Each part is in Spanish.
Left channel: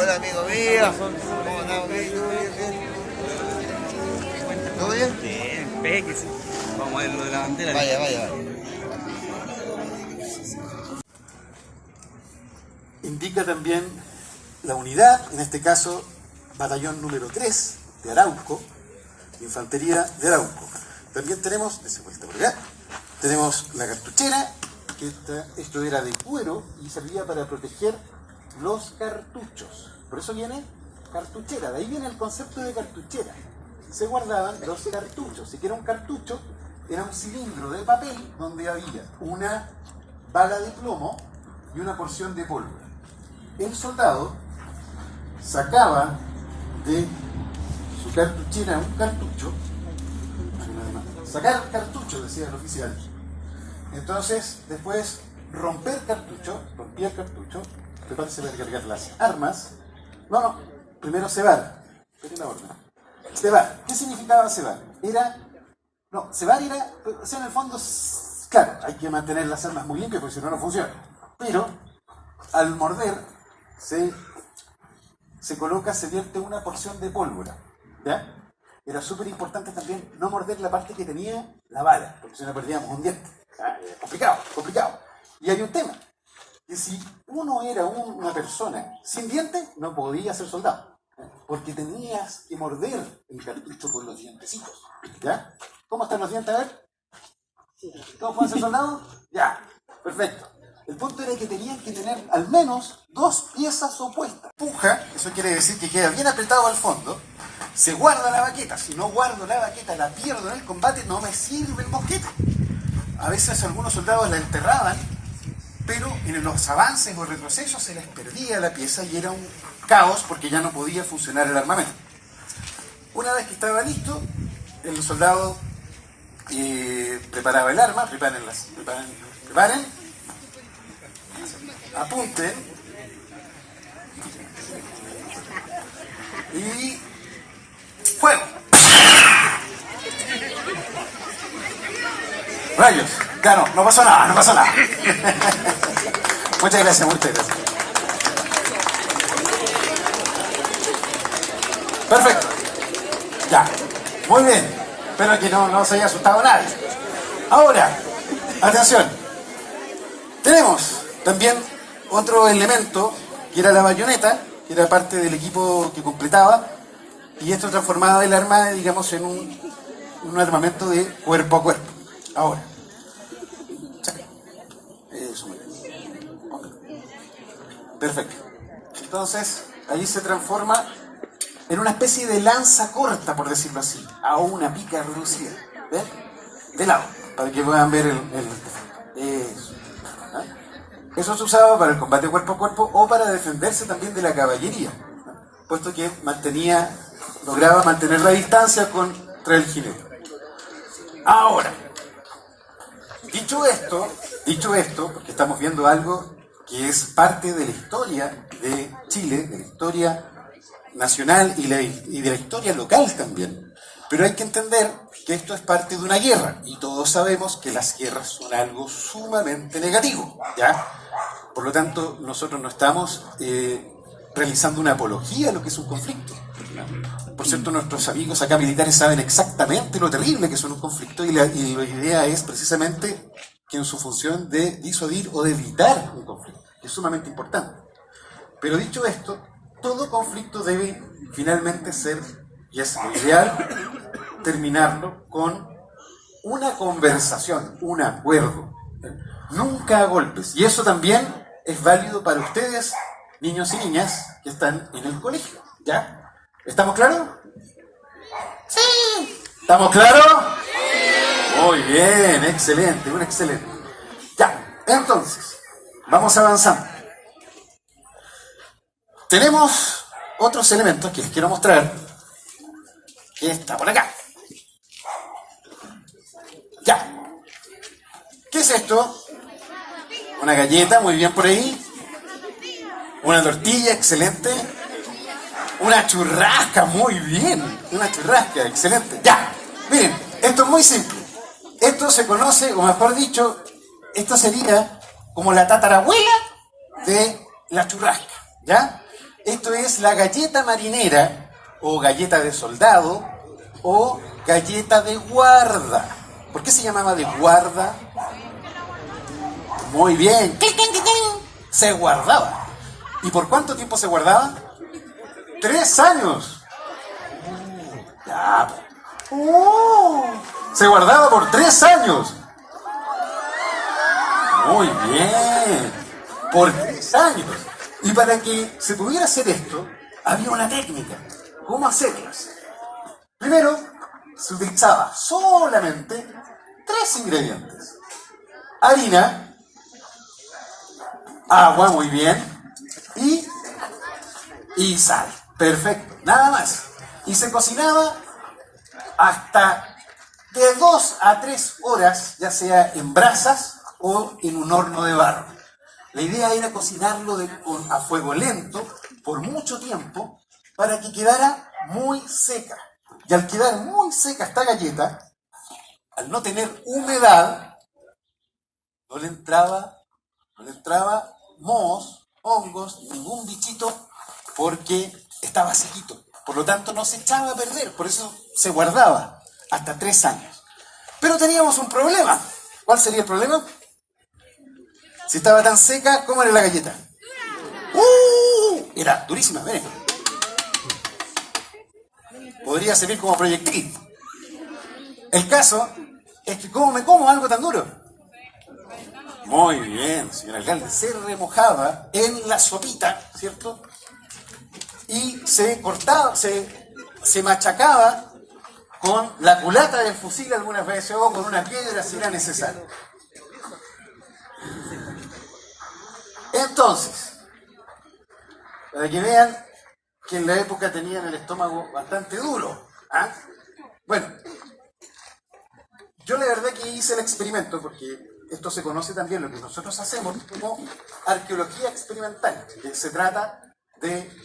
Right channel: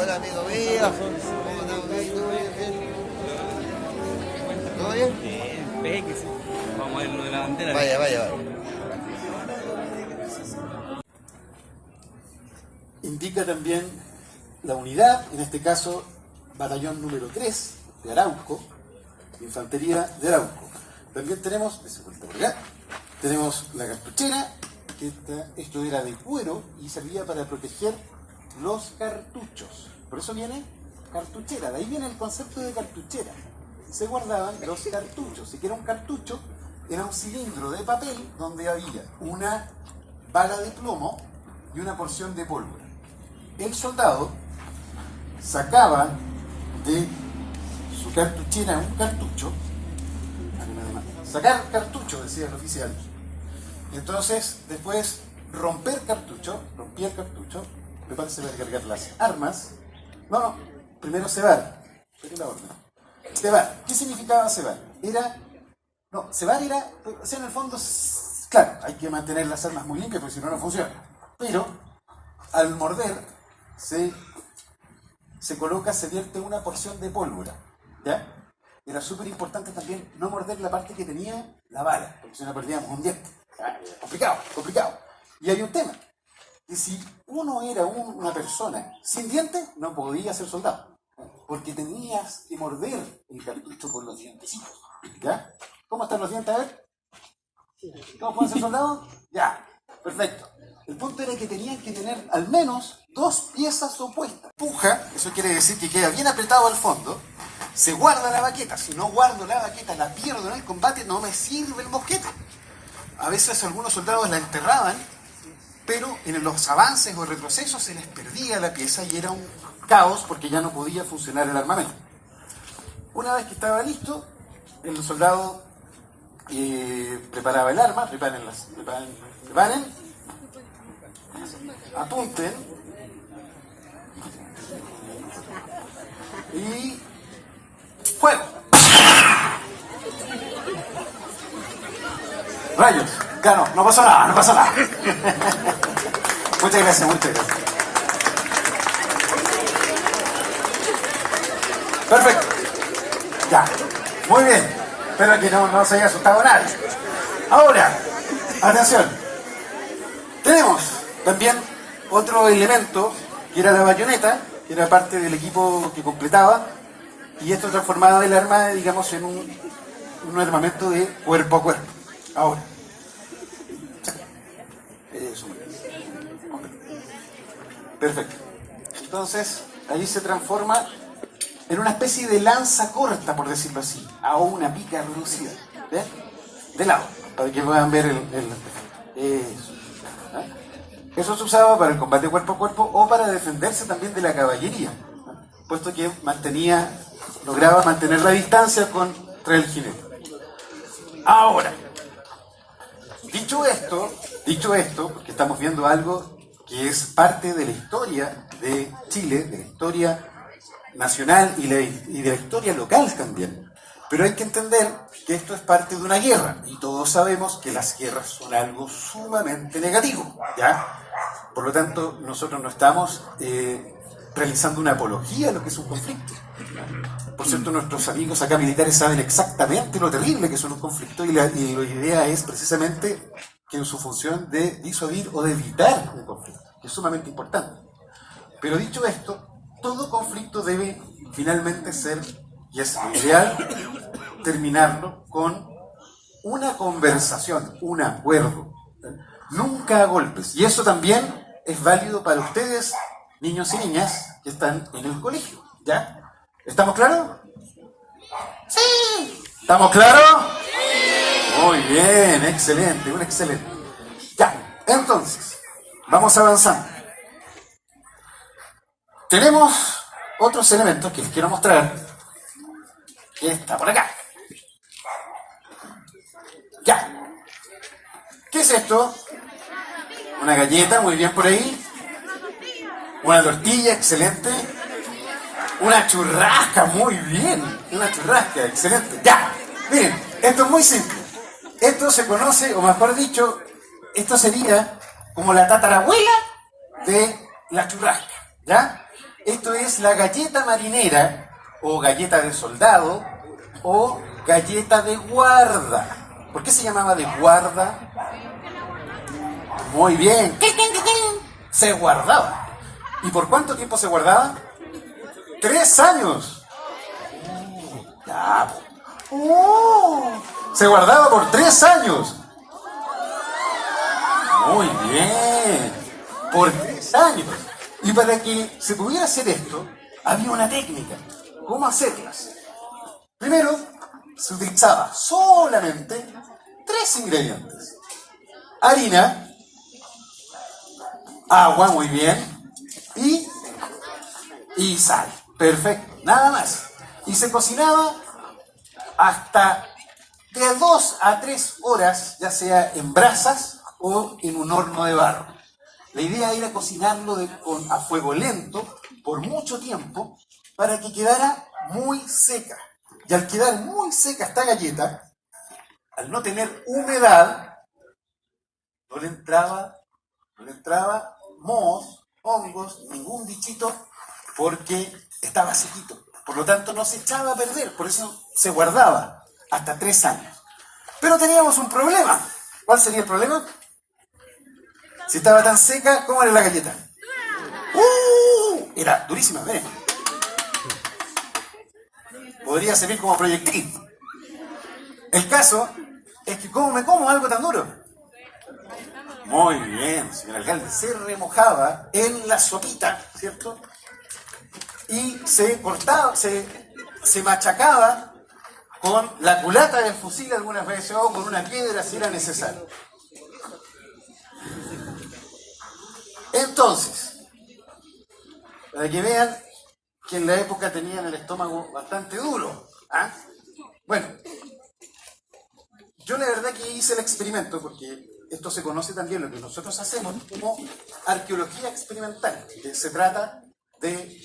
Hola amigo mío, ¿cómo andamos? ¿Bien? ¿Todo bien? Bien, péguese. Vamos a ver lo de la bandera. Vaya. Indica también la unidad, en este caso batallón número 3 de Arauco, infantería de Arauco. También tenemos, de vuelta por acá, tenemos la cartuchera, que esto era de cuero y servía para proteger los cartuchos. Por eso viene cartuchera, de ahí viene el concepto de cartuchera. Se guardaban los cartuchos. Si que era un cartucho, era un cilindro de papel donde había una bala de plomo y una porción de pólvora. El soldado sacaba de su cartuchera un cartucho, sacar cartucho, decía el oficial. Entonces, después rompía el cartucho, prepárese para cargar las armas. Primero cebar. Cebar. ¿Qué significaba cebar? Cebar era, o sea, en el fondo, claro, hay que mantener las armas muy limpias porque si no, no funciona. Pero, al morder, se vierte una porción de pólvora. ¿Ya? Era súper importante también no morder la parte que tenía la bala, porque si no perdíamos un diente. Complicado. Y hay un tema, que si uno era una persona sin dientes, no podía ser soldado, porque tenías que morder el cartucho por los dientecitos. ¿Ya? ¿Cómo están los dientes? A ver. ¿Cómo pueden ser soldados? Ya, perfecto. El punto era que tenían que tener al menos 2 piezas opuestas. Puja, eso quiere decir que queda bien apretado al fondo. Se guarda la baqueta. Si no guardo la baqueta, la pierdo en el combate, no me sirve el mosquete. A veces algunos soldados la enterraban, pero en los avances o retrocesos se les perdía la pieza y era un caos porque ya no podía funcionar el armamento. Una vez que estaba listo, el soldado preparaba el arma, preparen, apunten y ¡fuego! ¡Rayos! Claro, no pasa nada. Muchas gracias. Perfecto. Ya. Muy bien. Espero que no se haya asustado nadie. Ahora, atención. Tenemos también otro elemento que era la bayoneta, que era parte del equipo que completaba, y esto transformaba el arma, digamos, en un armamento de cuerpo a cuerpo. Ahora. Eso. Perfecto. Entonces, ahí se transforma en una especie de lanza corta, por decirlo así, a una pica reducida. ¿Ves? De lado, para que puedan ver eso. Eso se usaba para el combate cuerpo a cuerpo o para defenderse también de la caballería, puesto que lograba mantener la distancia contra el jinete. Ahora, dicho esto, porque estamos viendo algo que es parte de la historia de Chile, de la historia nacional y de la historia local también. Pero hay que entender que esto es parte de una guerra, y todos sabemos que las guerras son algo sumamente negativo, ¿ya? Por lo tanto, nosotros no estamos realizando una apología a lo que es un conflicto. Por cierto, nuestros amigos acá militares saben exactamente lo terrible que son los conflictos, y la idea es precisamente que en su función de disuadir o de evitar un conflicto, que es sumamente importante. Pero dicho esto, todo conflicto debe finalmente ser, y es ideal, terminarlo con una conversación, un acuerdo. Nunca a golpes. Y eso también es válido para ustedes, niños y niñas, que están en el colegio. ¿Ya? ¿Estamos claros? ¡Sí! ¿Estamos claros? ¡Sí! Muy bien, excelente, un excelente. Ya, entonces, vamos avanzando. Tenemos otros elementos que les quiero mostrar, que está por acá. Ya. ¿Qué es esto? Una galleta, muy bien por ahí. Una tortilla, excelente. Una churrasca, muy bien. Una churrasca, excelente. Ya. Miren, esto es muy simple. Esto se conoce, o mejor dicho, esto sería como la tatarabuela de la churrasca. ¿Ya? Esto es la galleta marinera, o galleta de soldado, o galleta de guarda. ¿Por qué se llamaba de guarda? Muy bien. Se guardaba. ¿Y por cuánto tiempo se guardaba? 3 años. Ya. Se guardaba por 3 años. Muy bien. Por 3 años. Y para que se pudiera hacer esto, había una técnica. ¿Cómo hacerlas? Primero, se utilizaba solamente 3 ingredientes. Harina, agua, muy bien, y sal. Perfecto, nada más. Y se cocinaba hasta de 2 a 3 horas, ya sea en brasas o en un horno de barro. La idea era cocinarlo a fuego lento por mucho tiempo para que quedara muy seca. Y al quedar muy seca esta galleta, al no tener humedad, no le entraba mohos, hongos, ningún bichito, porque estaba sequito. Por lo tanto, no se echaba a perder, por eso se guardaba hasta 3 años. Pero teníamos un problema. ¿Cuál sería el problema? Si estaba tan seca, ¿cómo era la galleta? Era durísima, miren. Podría servir como proyectil. El caso es que ¿cómo me como algo tan duro? Muy bien, señor alcalde. Se remojaba en la sopita, ¿cierto? Y se cortaba, se machacaba con la culata del fusil algunas veces o con una piedra si era necesario. Entonces, para que vean que en la época tenían el estómago bastante duro. ¿Ah? Bueno, yo la verdad que hice el experimento porque esto se conoce también, lo que nosotros hacemos como arqueología experimental, que se trata de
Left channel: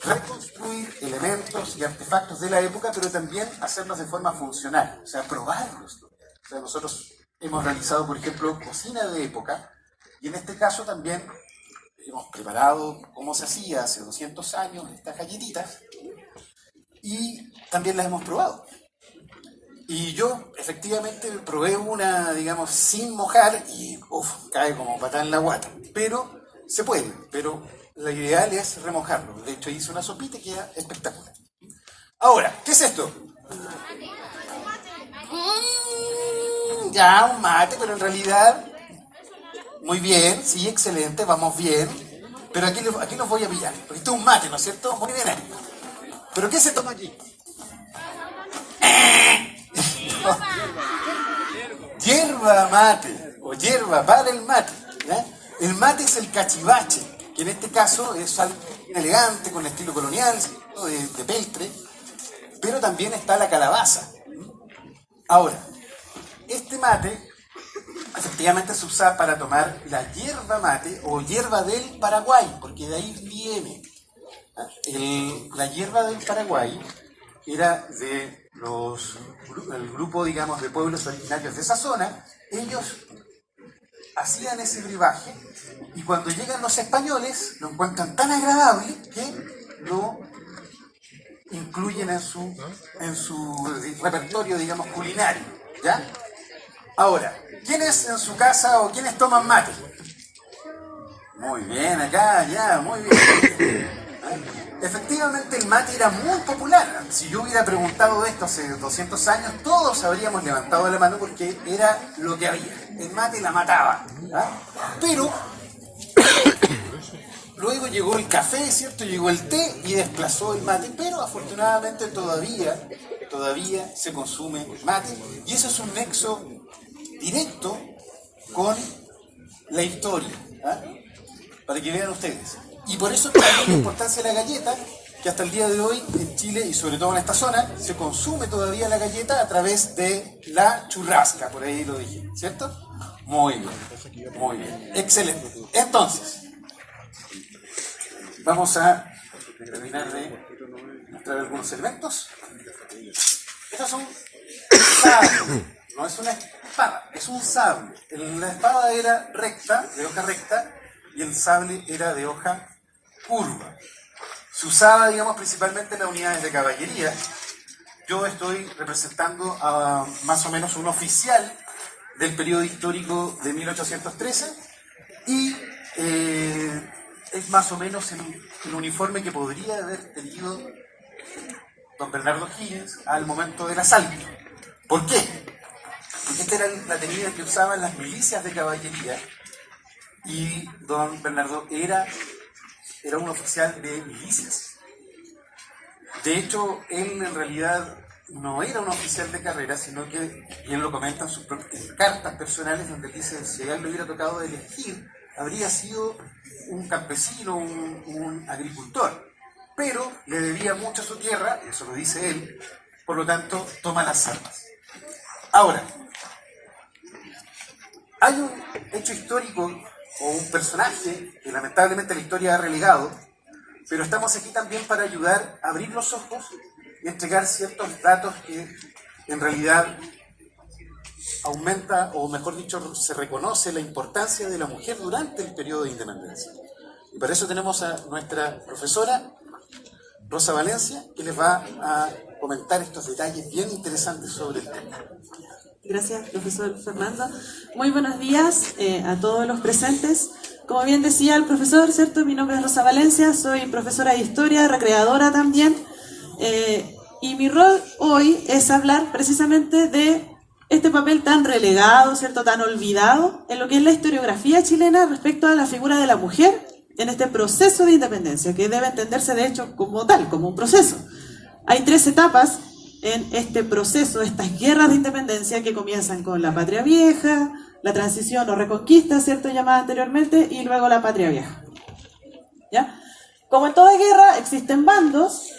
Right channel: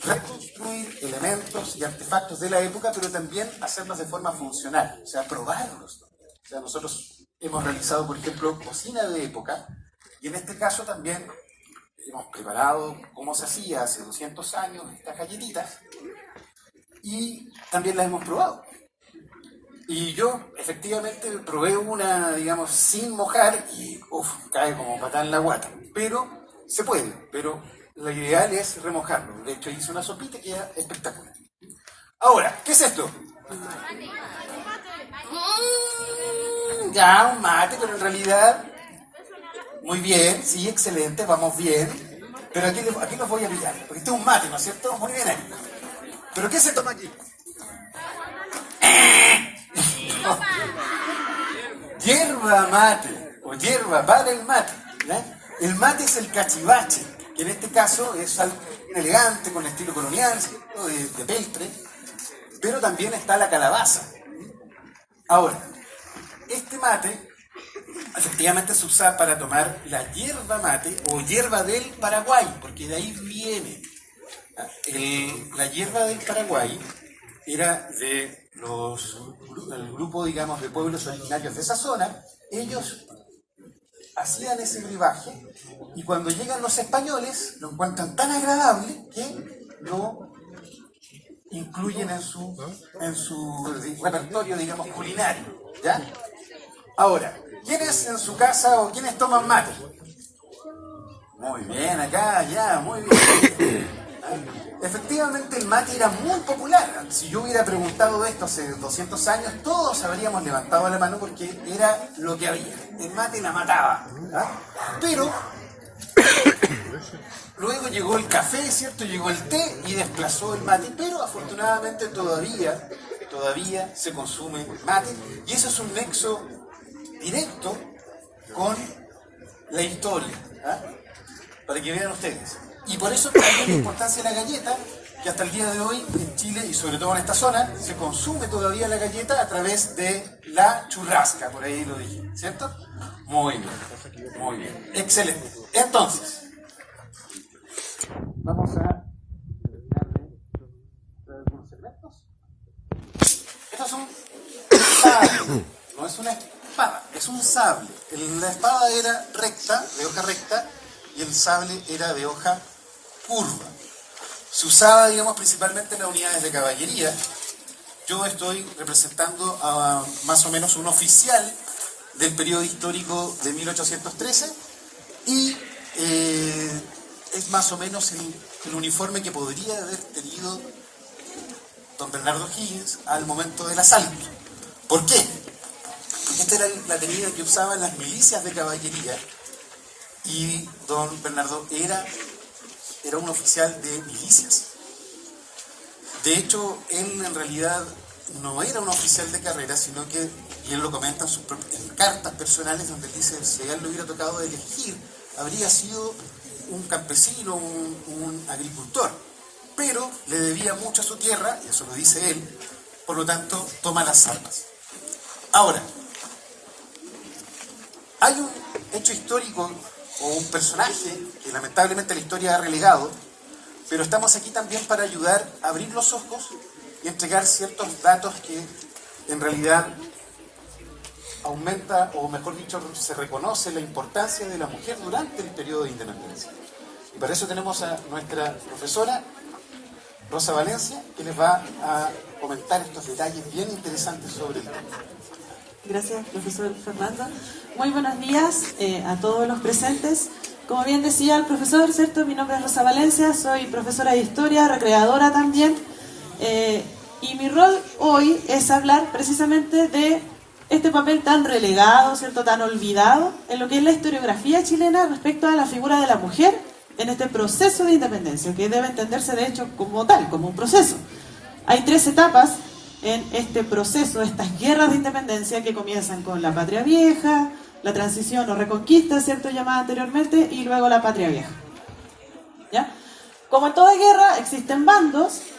reconstruir elementos y artefactos de la época, pero también hacerlos de forma funcional, o sea, probarlos. O sea, nosotros hemos realizado, por ejemplo, cocina de época, y en este caso también hemos preparado cómo se hacía hace 200 años estas galletitas, y también las hemos probado. Y yo, efectivamente, probé una, digamos, sin mojar, y cae como patada en la guata. Pero se puede, pero lo ideal es remojarlo. De hecho, hice una sopita y queda espectacular. Ahora, ¿qué es esto? Ya, un mate, pero en realidad, muy bien, sí, excelente, vamos bien. Pero aquí los voy a pillar, porque esto es un mate, ¿no es cierto? Muy bien ahí. ¿Pero qué se toma aquí? Hierba mate, o hierba para el mate, ¿ya? El mate es el cachivache, que en este caso es algo elegante, con estilo colonial, de peltre, pero también está la calabaza. Ahora, este mate efectivamente se usa para tomar la hierba mate o hierba del Paraguay, porque de ahí viene. La hierba del Paraguay era de el grupo, digamos, de pueblos originarios de esa zona. Ellos hacían ese brebaje y cuando llegan los españoles lo encuentran tan agradable que lo incluyen en su repertorio, digamos, culinario, ¿ya? Ahora, ¿quiénes en su casa o quiénes toman mate? Muy bien, acá, ya, muy bien. Efectivamente, el mate era muy popular. Si yo hubiera preguntado esto hace 200 años, todos habríamos levantado la mano porque era lo que había. El mate la mataba, ¿verdad? Pero luego llegó el café, ¿cierto? Llegó el té y desplazó el mate. Pero afortunadamente todavía todavía se consume mate. Y eso es un nexo directo con la historia, ¿ah? Para que vean ustedes. Y por eso también la importancia de la galleta, que hasta el día de hoy en Chile y sobre todo en esta zona se consume todavía la galleta a través de la churrasca, por ahí lo dije, ¿cierto? Muy bien, excelente. Entonces, vamos a terminar de mostrar algunos elementos. Estos son sables, no es una espada, es un sable. La espada era recta, de hoja recta, y el sable era de hoja curva. Se usaba, digamos, principalmente en las unidades de caballería. Yo estoy representando a más o menos un oficial del periodo histórico de 1813 y es más o menos el uniforme que podría haber tenido don Bernardo Higgins al momento del asalto. ¿Por qué? Porque esta era la tenida que usaban las milicias de caballería y don Bernardo era un oficial de milicias. De hecho, él en realidad no era un oficial de carrera, sino que, y él lo comenta en cartas personales, donde dice, si a él le hubiera tocado elegir, habría sido un campesino, un agricultor, pero le debía mucho a su tierra, y eso lo dice él, por lo tanto, toma las armas. Ahora, hay un hecho histórico o un personaje que lamentablemente la historia ha relegado, pero estamos aquí también para ayudar a abrir los ojos y entregar ciertos datos que en realidad aumenta, o mejor dicho, se reconoce la importancia de la mujer durante el periodo de independencia. Y para eso tenemos a nuestra profesora Rosa Valencia, que les va a comentar estos detalles bien interesantes sobre el tema. Gracias, profesor Fernando. Muy buenos días a todos los presentes. Como bien decía el profesor, ¿cierto? Mi nombre es Rosa Valencia, soy profesora de historia, recreadora también. Y mi rol hoy es hablar precisamente de este papel tan relegado, ¿cierto? Tan olvidado en lo que es la historiografía chilena respecto a la figura de la mujer en este proceso de independencia, que debe entenderse de hecho como tal, como un proceso. Hay 3 etapas en este proceso, estas guerras de independencia que comienzan con la Patria Vieja, la transición o reconquista, ¿cierto?, llamada anteriormente, y luego la Patria Vieja. ¿Ya? Como en toda guerra existen bandos,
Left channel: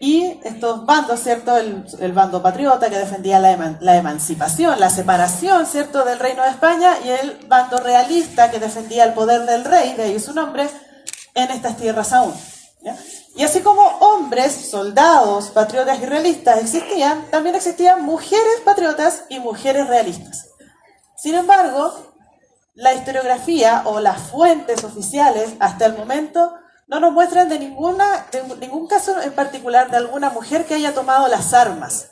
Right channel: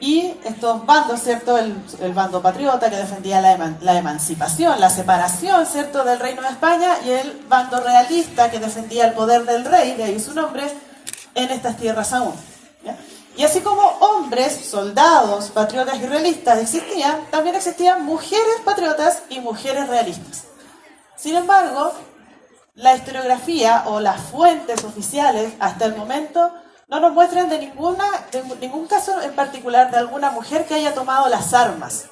y estos bandos, ¿cierto?, el bando patriota que defendía la emancipación, la separación, ¿cierto?, del Reino de España, y el bando realista que defendía el poder del rey, de ahí su nombre, en estas tierras aún. ¿Ya? Y así como hombres, soldados, patriotas y realistas existían, también existían mujeres patriotas y mujeres realistas. Sin embargo, la historiografía o las fuentes oficiales hasta el momento no nos muestran de ningún caso en particular de alguna mujer que haya tomado las armas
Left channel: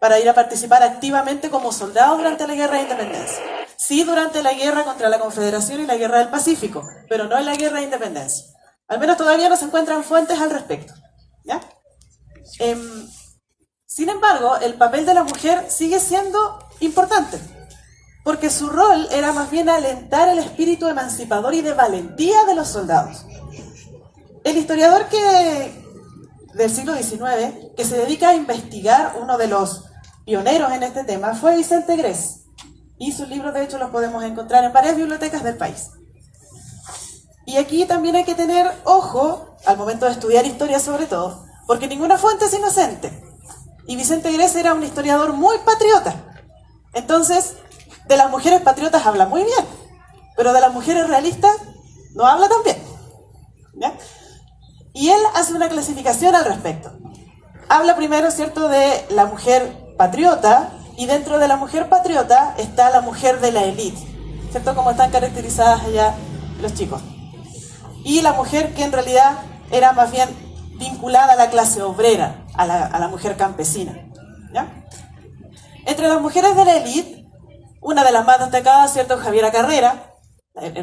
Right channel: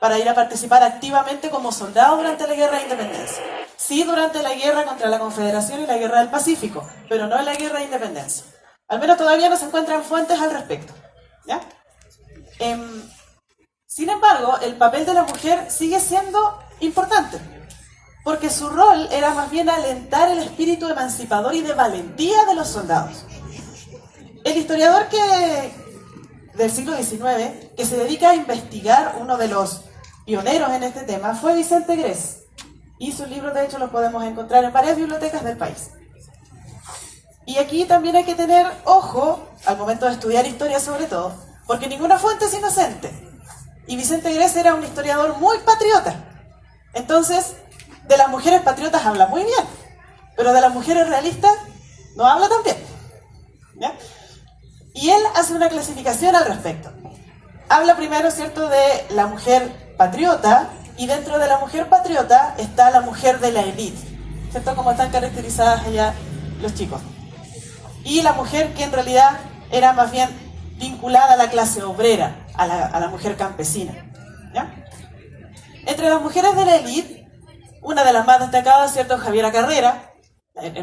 para ir a participar activamente como soldado durante la Guerra de Independencia. Sí, durante la guerra contra la Confederación y la Guerra del Pacífico, pero no en la Guerra de Independencia. Al menos todavía no se encuentran fuentes al respecto. ¿Ya? Sin embargo, el papel de la mujer sigue siendo importante, porque su rol era más bien alentar el espíritu emancipador y de valentía de los soldados. El historiador del siglo XIX, que se dedica a investigar, uno de los pioneros en este tema, fue Vicente Grés, y sus libros de hecho los podemos encontrar en varias bibliotecas del país. Y aquí también hay que tener ojo, al momento de estudiar historia sobre todo, porque ninguna fuente es inocente. Y Vicente Grés era un historiador muy patriota. Entonces, de las mujeres patriotas habla muy bien, pero de las mujeres realistas no habla tan bien. ¿Ya? Y él hace una clasificación al respecto. Habla primero, ¿cierto?, de la mujer patriota, y dentro de la mujer patriota está la mujer de la élite, ¿cierto?, como están caracterizadas allá los chicos. Y la mujer que en realidad era más bien vinculada a la clase obrera, a la mujer campesina. ¿Ya? Entre las mujeres de la élite, una de las más destacadas, ¿cierto?, Javiera Carrera,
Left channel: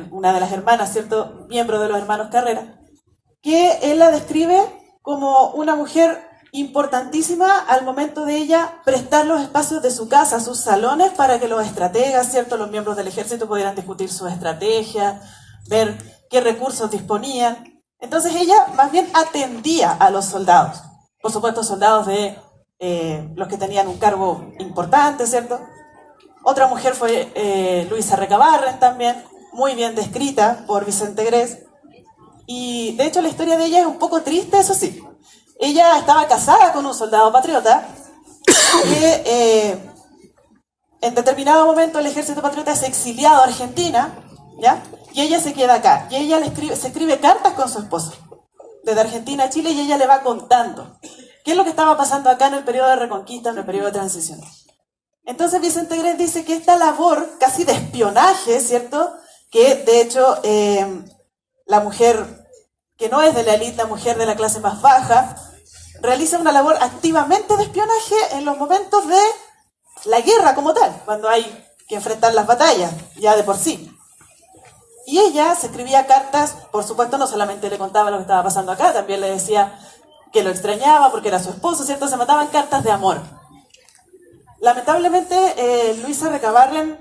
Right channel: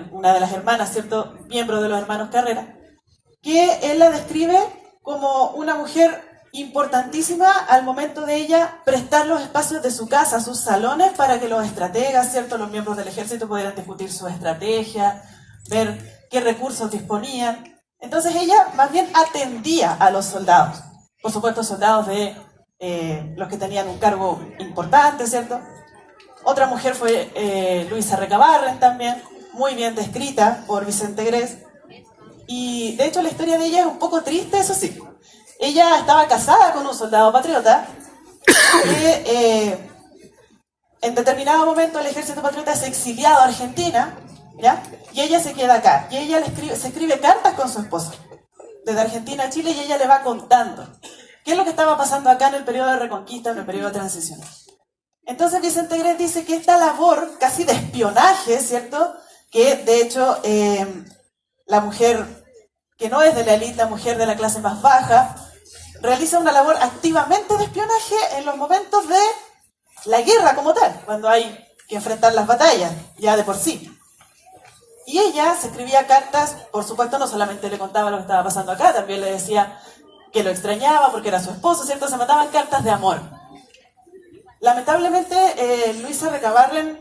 una de las hermanas, ¿cierto?, miembro de los hermanos Carrera, que él la describe como una mujer importantísima al momento de ella prestar los espacios de su casa, sus salones, para que los estrategas, ¿cierto?, los miembros del ejército pudieran discutir sus estrategias, ver qué recursos disponían. Entonces ella más bien atendía a los soldados, por supuesto soldados de los que tenían un cargo importante, ¿cierto? Otra mujer fue Luisa Recabarren también, muy bien descrita por Vicente Grés. Y de hecho la historia de ella es un poco triste, eso sí. Ella estaba casada con un soldado patriota que en determinado momento el ejército patriota es exiliado a Argentina, ¿ya? Y ella se queda acá. Y ella se escribe cartas con su esposo, desde Argentina a Chile, y ella le va contando qué es lo que estaba pasando acá en el periodo de Reconquista, en el periodo de transición. Entonces Vicente Grés dice que esta labor casi de espionaje, ¿cierto? Que de hecho la mujer que no es de la élite, la mujer de la clase más baja, realiza una labor activamente de espionaje en los momentos de la guerra como tal, cuando hay que enfrentar las batallas, ya de por sí. Y ella se escribía cartas, por supuesto, no solamente le contaba lo que estaba pasando acá, también le decía que lo extrañaba porque era su esposo, ¿cierto? Se mandaban cartas de amor. Lamentablemente, Luisa Recabarren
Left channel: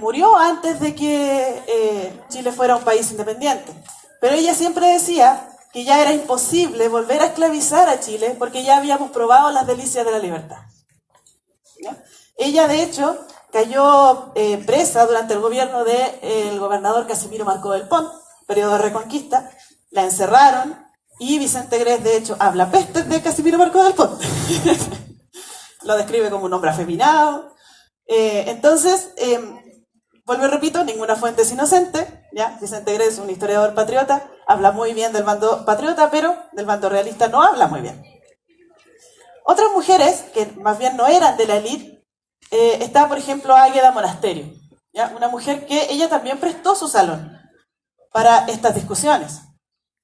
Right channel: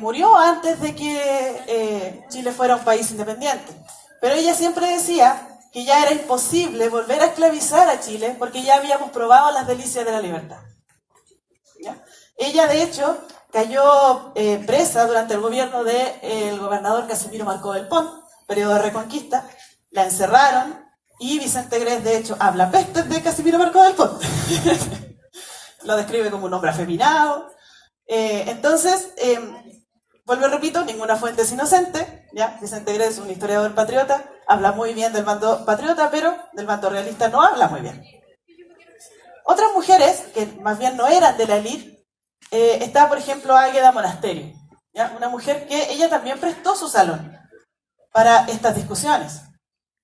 murió antes de que Chile fuera un país independiente. Pero ella siempre decía que ya era imposible volver a esclavizar a Chile porque ya habíamos probado las delicias de la libertad. ¿Ya? Ella, de hecho, cayó presa durante el gobierno del gobernador Casimiro Marcó del Pont, periodo de Reconquista. La encerraron y Vicente Grés, de hecho, habla pestes de Casimiro Marcó del Pont. Lo describe como un hombre afeminado. Entonces, vuelvo y repito, ninguna fuente es inocente, ¿ya? Vicente Grés, un historiador patriota, habla muy bien del bando patriota, pero del bando realista no habla muy bien. Otras mujeres, que más bien no eran de la élite, está, por ejemplo, Águeda Monasterio, ¿ya? Una mujer que ella también prestó su salón para estas discusiones,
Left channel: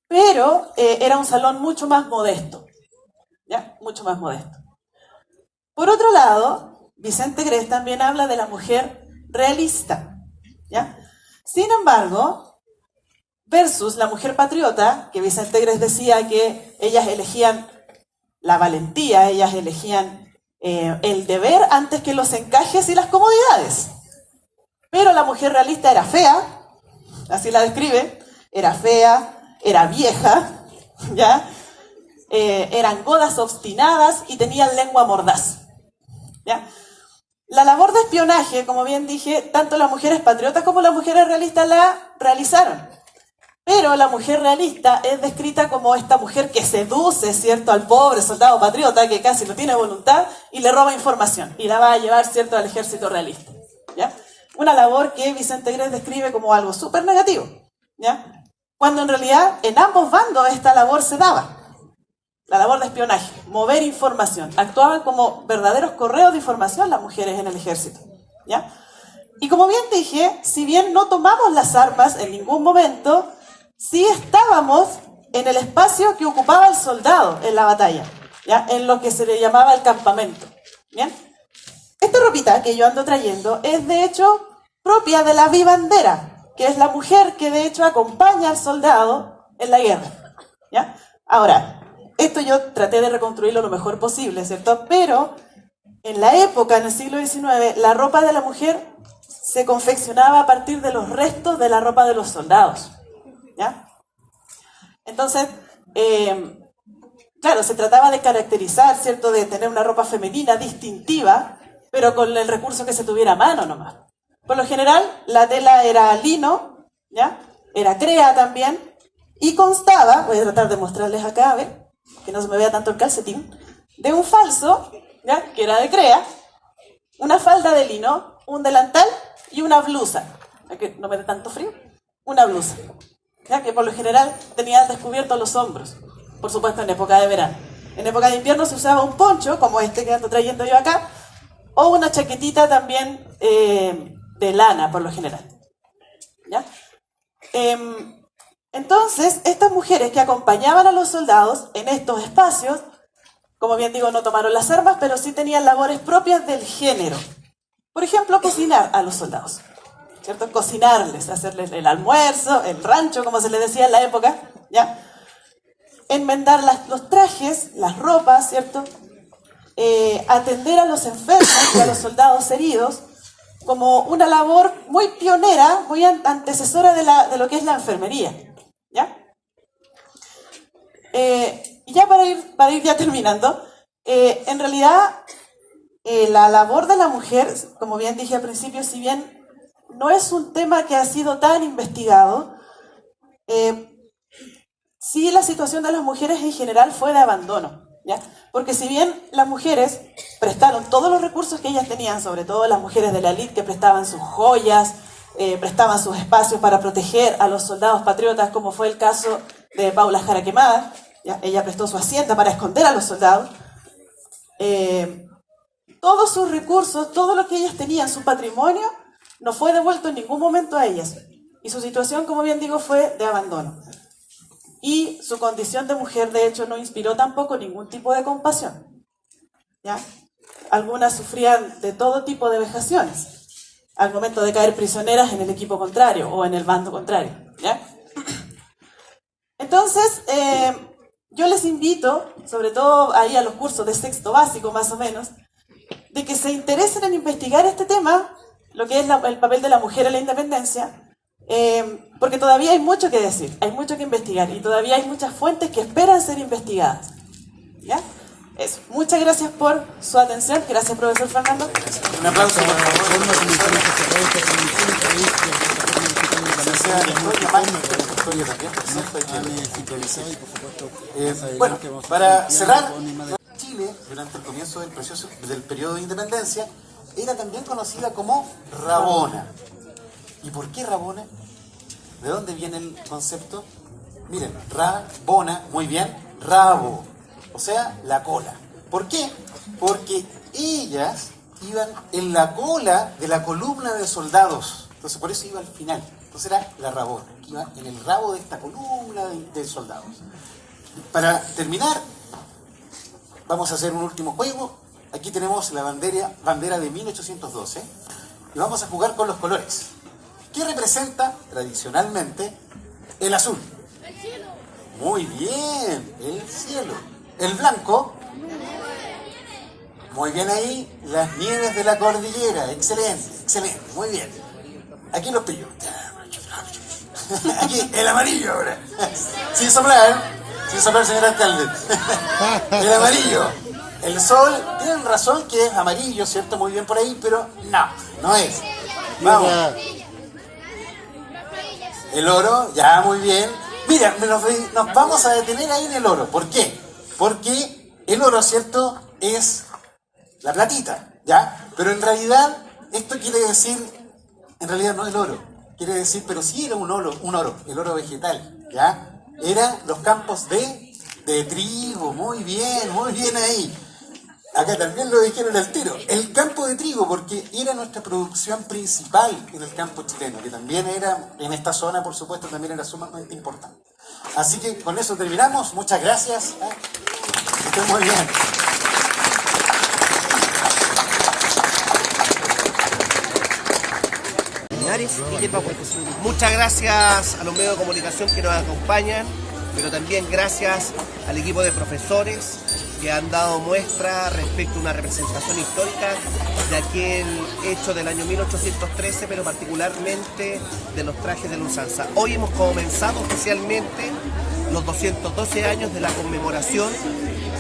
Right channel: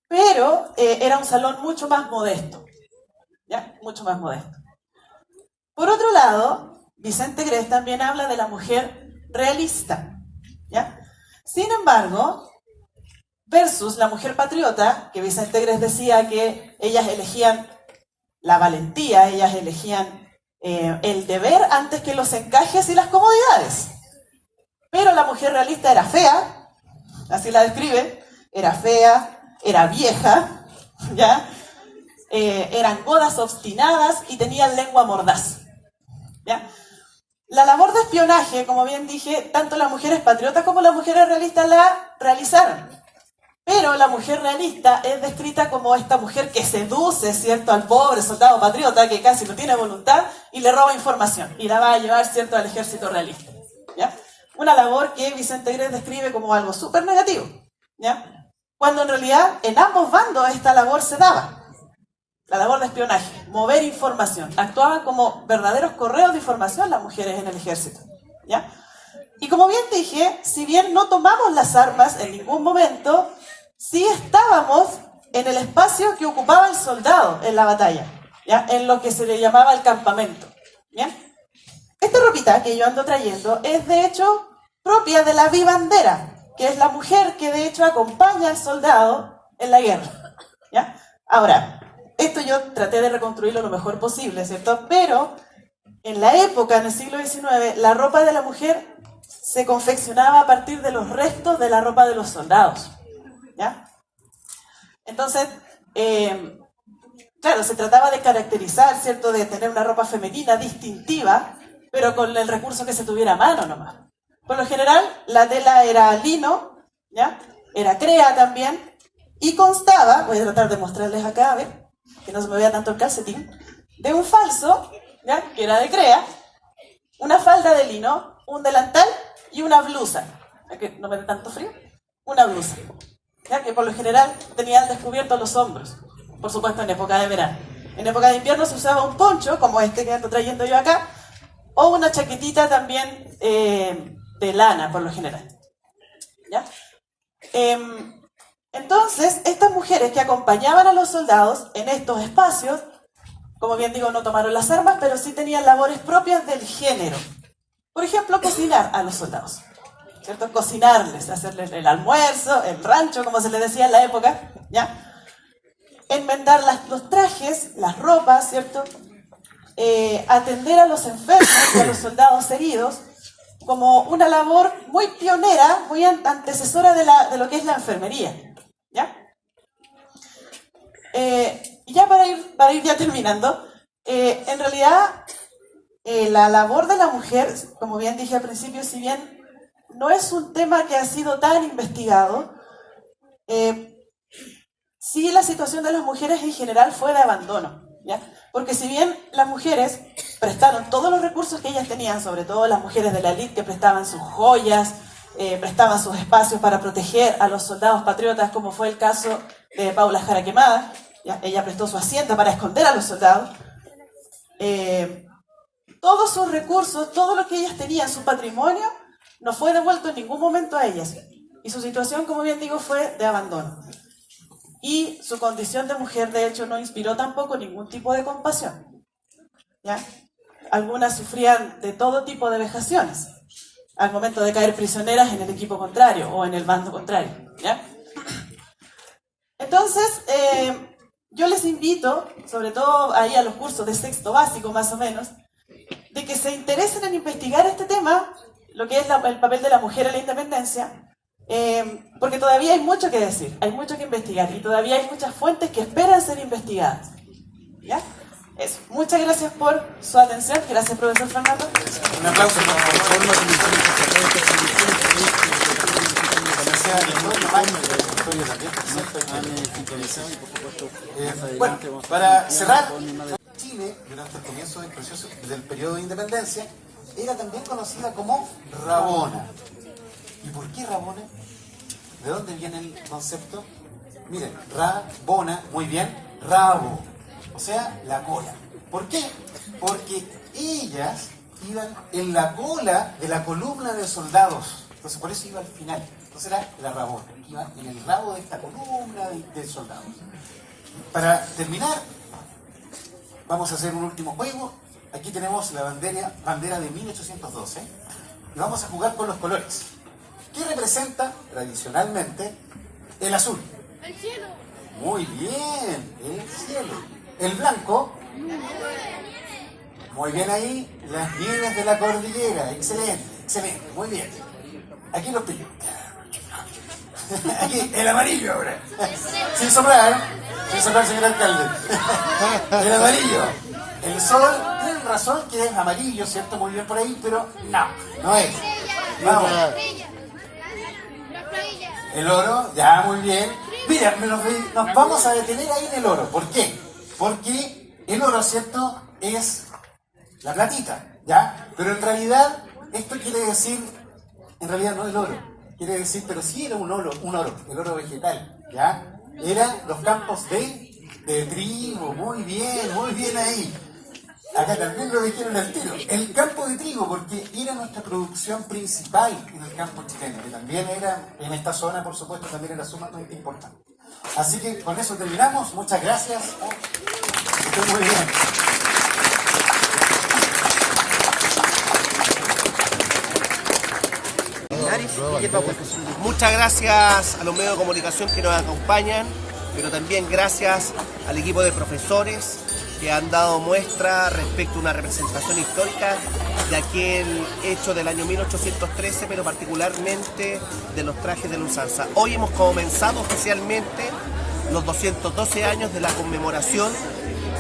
pero era un salón mucho más modesto, ¿ya? Mucho más modesto. Por otro lado, Vicente Grés también habla de la mujer realista, ¿ya? Sin embargo, versus la mujer patriota, que Vicente Grés decía que ellas elegían la valentía, ellas elegían el deber antes que los encajes y las comodidades. Pero la mujer realista era fea, así la describe, era fea, era vieja, ¿ya? Eran godas obstinadas y tenían lengua mordaz, ¿ya? La labor de espionaje, como bien dije, tanto las mujeres patriotas como las mujeres realistas la realizaron. Pero la mujer realista es descrita como esta mujer que seduce, ¿cierto?, al pobre soldado patriota que casi no tiene voluntad y le roba información y la va a llevar, ¿cierto?, al ejército realista, ¿ya? Una labor que Vicente Grés describe como algo súper negativo, ¿ya? Cuando en realidad en ambos bandos esta labor se daba. La labor de espionaje, mover información. Actuaban como verdaderos correos de información las mujeres en el ejército, ¿ya? Y como bien dije, si bien no tomamos las armas en ningún momento, sí estábamos en el espacio que ocupaba el soldado en la batalla, ¿ya? En lo que se le llamaba el campamento, ¿bien? Esta ropita que yo ando trayendo es de hecho propia de la vivandera, que es la mujer que de hecho acompaña al soldado en la guerra, ¿ya? Ahora, esto yo traté de reconstruirlo lo mejor posible, ¿cierto? Pero en la época, en el siglo XIX, la ropa de la mujer se confeccionaba a partir de los restos de la ropa de los soldados, ¿ya? Entonces, claro, se trataba de caracterizar, ¿cierto? De tener una ropa femenina distintiva, pero con el recurso que se tuviera a mano nomás. Por lo general, la tela era lino, ¿ya? Era crea también, y constaba, voy a tratar de mostrarles acá, a ver, que no se me vea tanto el calcetín, de un falso, ¿ya?, que era de crea, una falda de lino, un delantal y una blusa, para que no me dé tanto frío, una blusa, ¿ya?, que por lo general tenían descubiertos los hombros, por supuesto en época de verano. En época de invierno se usaba un poncho, como este que ando trayendo yo acá, o una chaquetita también de lana, por lo general, ¿ya? Entonces, estas mujeres que acompañaban a los soldados en estos espacios, como bien digo, no tomaron las armas, pero sí tenían labores propias del género. Por ejemplo, cocinar a los soldados, ¿cierto? Cocinarles, hacerles el almuerzo, el rancho, como se les decía en la época, ¿ya? Enmendar los trajes, las ropas, ¿cierto? Atender a los enfermos y a los soldados heridos, como una labor muy pionera, muy antecesora de lo que es la enfermería, ¿ya? Y ya para ir ya terminando, En realidad, la labor de la mujer, como bien dije al principio, si bien no es un tema que ha sido tan investigado, sí la situación de las mujeres en general fue de abandono, ¿ya? Porque si bien las mujeres prestaron todos los recursos que ellas tenían, sobre todo las mujeres de la élite que prestaban sus joyas, prestaban sus espacios para proteger a los soldados patriotas, como fue el caso de Paula Jara Quemada, ¿ya? Ella prestó su hacienda para esconder a los soldados. Todos sus recursos, todo lo que ellas tenían, su patrimonio, no fue devuelto en ningún momento a ellas. Y su situación, como bien digo, fue de abandono. Y su condición de mujer, de hecho, no inspiró tampoco ningún tipo de compasión, ¿ya? Algunas sufrían de todo tipo de vejaciones al momento de caer prisioneras en el equipo contrario o en el bando contrario, ¿ya? Entonces, yo les invito, sobre todo ahí a los cursos de sexto básico más o menos, de que se interesen en investigar este tema, lo que es el papel de la mujer en la independencia, porque todavía hay mucho que decir, hay mucho que investigar y todavía hay muchas fuentes que esperan ser investigadas, ¿ya? Eso. Muchas gracias por su atención. Gracias, profesor Fernando. Un aplauso. Bueno, para cerrar, Chile, durante el comienzo del proceso del periodo de independencia, era también conocida como Rabona. ¿Y por qué Rabona? ¿De dónde viene el concepto? Miren, Rabona, muy bien, rabo, o sea, la cola. ¿Por qué? Porque ellas iban en la cola de la columna de soldados, entonces por eso iba al final. Entonces era la Rabona, que iba en el rabo de esta columna de soldados. Para terminar, vamos a hacer un último juego. Aquí tenemos la bandera de 1812 y vamos a jugar con los colores. ¿Qué representa tradicionalmente el azul? El cielo. Muy bien, el cielo. El blanco. Muy bien ahí, las nieves de la cordillera. Excelente, excelente, muy bien. Aquí los pillo. Aquí, el amarillo ahora. Sin soplar, señor alcalde. El amarillo. El sol, tienen razón que es amarillo, ¿cierto? Muy bien por ahí, pero no es. Vamos. El oro, ya, muy bien. Mira, nos vamos a detener ahí en el oro. ¿Por qué? Porque el oro, ¿cierto? Es la platita, ¿ya? Pero en realidad, esto quiere decir, en realidad no el oro. Quiere decir, pero sí era un oro, el oro vegetal, ¿ya? Eran los campos de trigo, muy bien ahí. Acá también lo dijeron al tiro. El campo de trigo, porque era nuestra producción principal en el campo chileno, que también era, en esta zona, por supuesto, también era sumamente importante. Así que con eso terminamos. Muchas gracias. Estén muy bien. Muchas gracias a los medios de comunicación que nos acompañan, pero también gracias al equipo de profesores que han dado muestra respecto a una representación histórica de aquel hecho del año 1813, pero particularmente de los trajes de la usanza. Hoy hemos comenzado oficialmente los 212 años de la conmemoración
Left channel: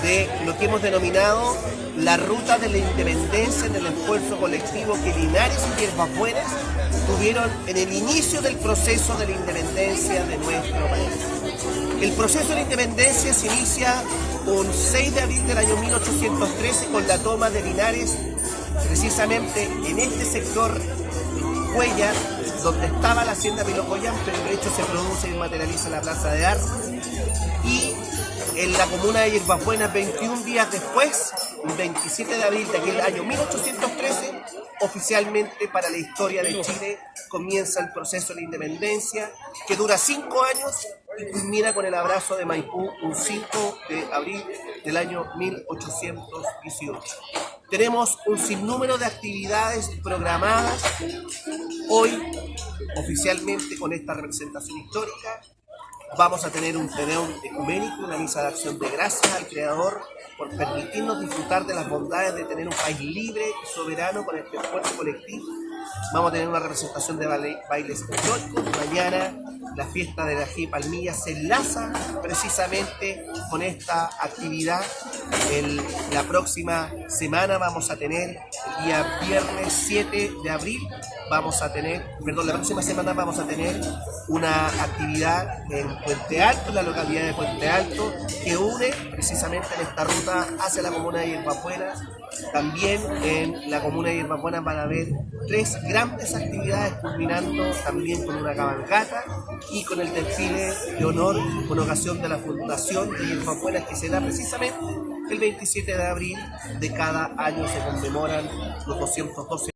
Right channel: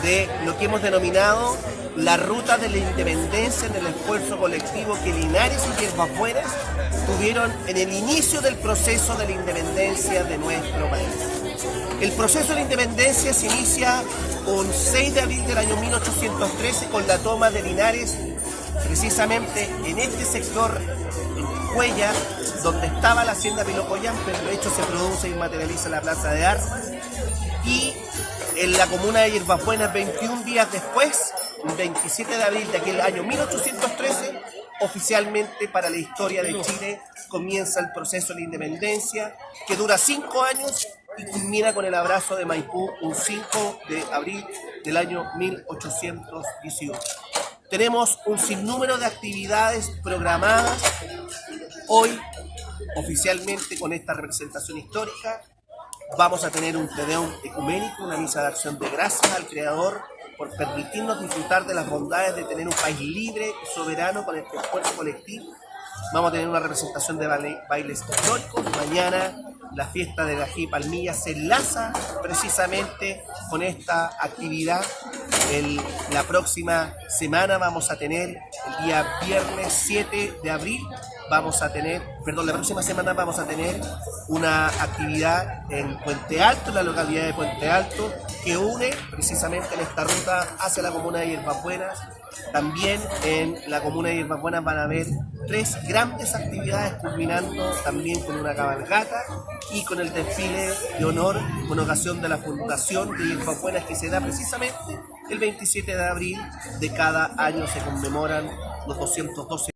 de lo que hemos denominado la ruta de la independencia en el esfuerzo colectivo que Linares y Hierbas Buenas tuvieron en el inicio del proceso de la independencia de nuestro país. El proceso de la independencia se inicia un 6 de abril del año 1813 con la toma de Linares, precisamente en este sector, en Cuellar, donde estaba la hacienda Pilocoyán, pero de hecho se produce y materializa la plaza de armas, y en la comuna de Hierbas Buenas 21 días después, el 27 de abril de aquel año 1813, oficialmente para la historia de Chile comienza el proceso de la independencia, que dura 5 años y culmina con el abrazo de Maipú un 5 de abril del año 1818. Tenemos un sinnúmero de actividades programadas hoy, oficialmente con esta representación histórica. Vamos a tener un tedeum ecuménico, una misa de acción de gracias al Creador por permitirnos disfrutar de las bondades de tener un país libre y soberano con este esfuerzo colectivo. Vamos a tener una representación de bailes históricos. Mañana la fiesta de la Ají Palmilla se enlaza precisamente con esta actividad La próxima semana vamos a tener, el día viernes 7 de abril, la próxima semana vamos a tener una actividad en Puente Alto, en la localidad de Puente Alto, que une precisamente en esta ruta hacia la comuna de Hierbas Buenas. También en la comuna de Hierbas Buenas van a haber 3 grandes actividades, culminando también con una cabalgata y con el desfile de honor con ocasión de la fundación de Hierbas Buenas, que se da precisamente el 27 de abril de cada año. Se conmemoran los 212